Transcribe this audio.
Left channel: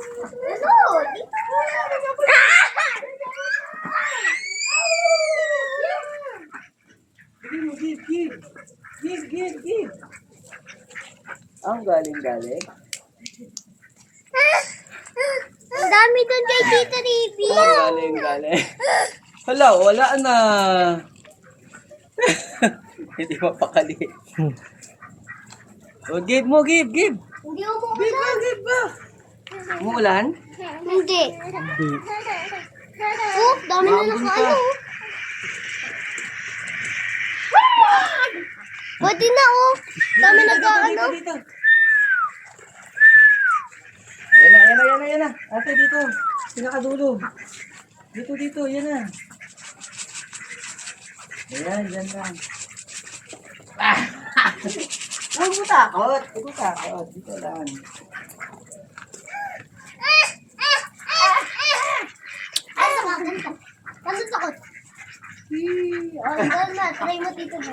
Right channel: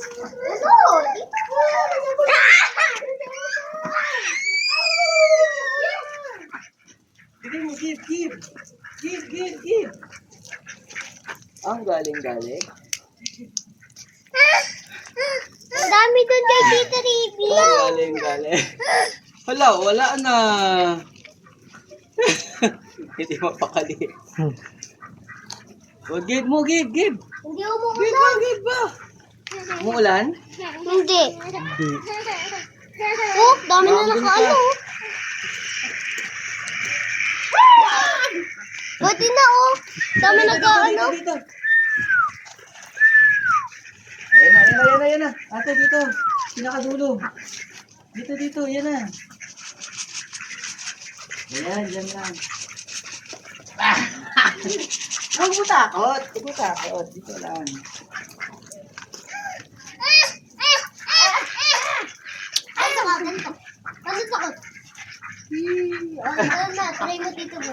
Ano? Dito mo. Bigay mo, give. Give. Ang galing. Ang dami doon kay Tita Riby. Ang galing. Hala, wala na. Hindi mapakali. Oh, give mo. Hindi umuulan. Give ba? Umuulan? Hindi. Oh, dami na Maambon ka. nakaano. Pwede na oh. Dami nag-ano. Dito. Ayan na. Ate, dito. Pinakadulo. Dito, yan na. Ayan, yan lang. Huwag mo takot. Dito lang. Ganito. Ganito sakot. Oh, doon na. Try mo dito mo.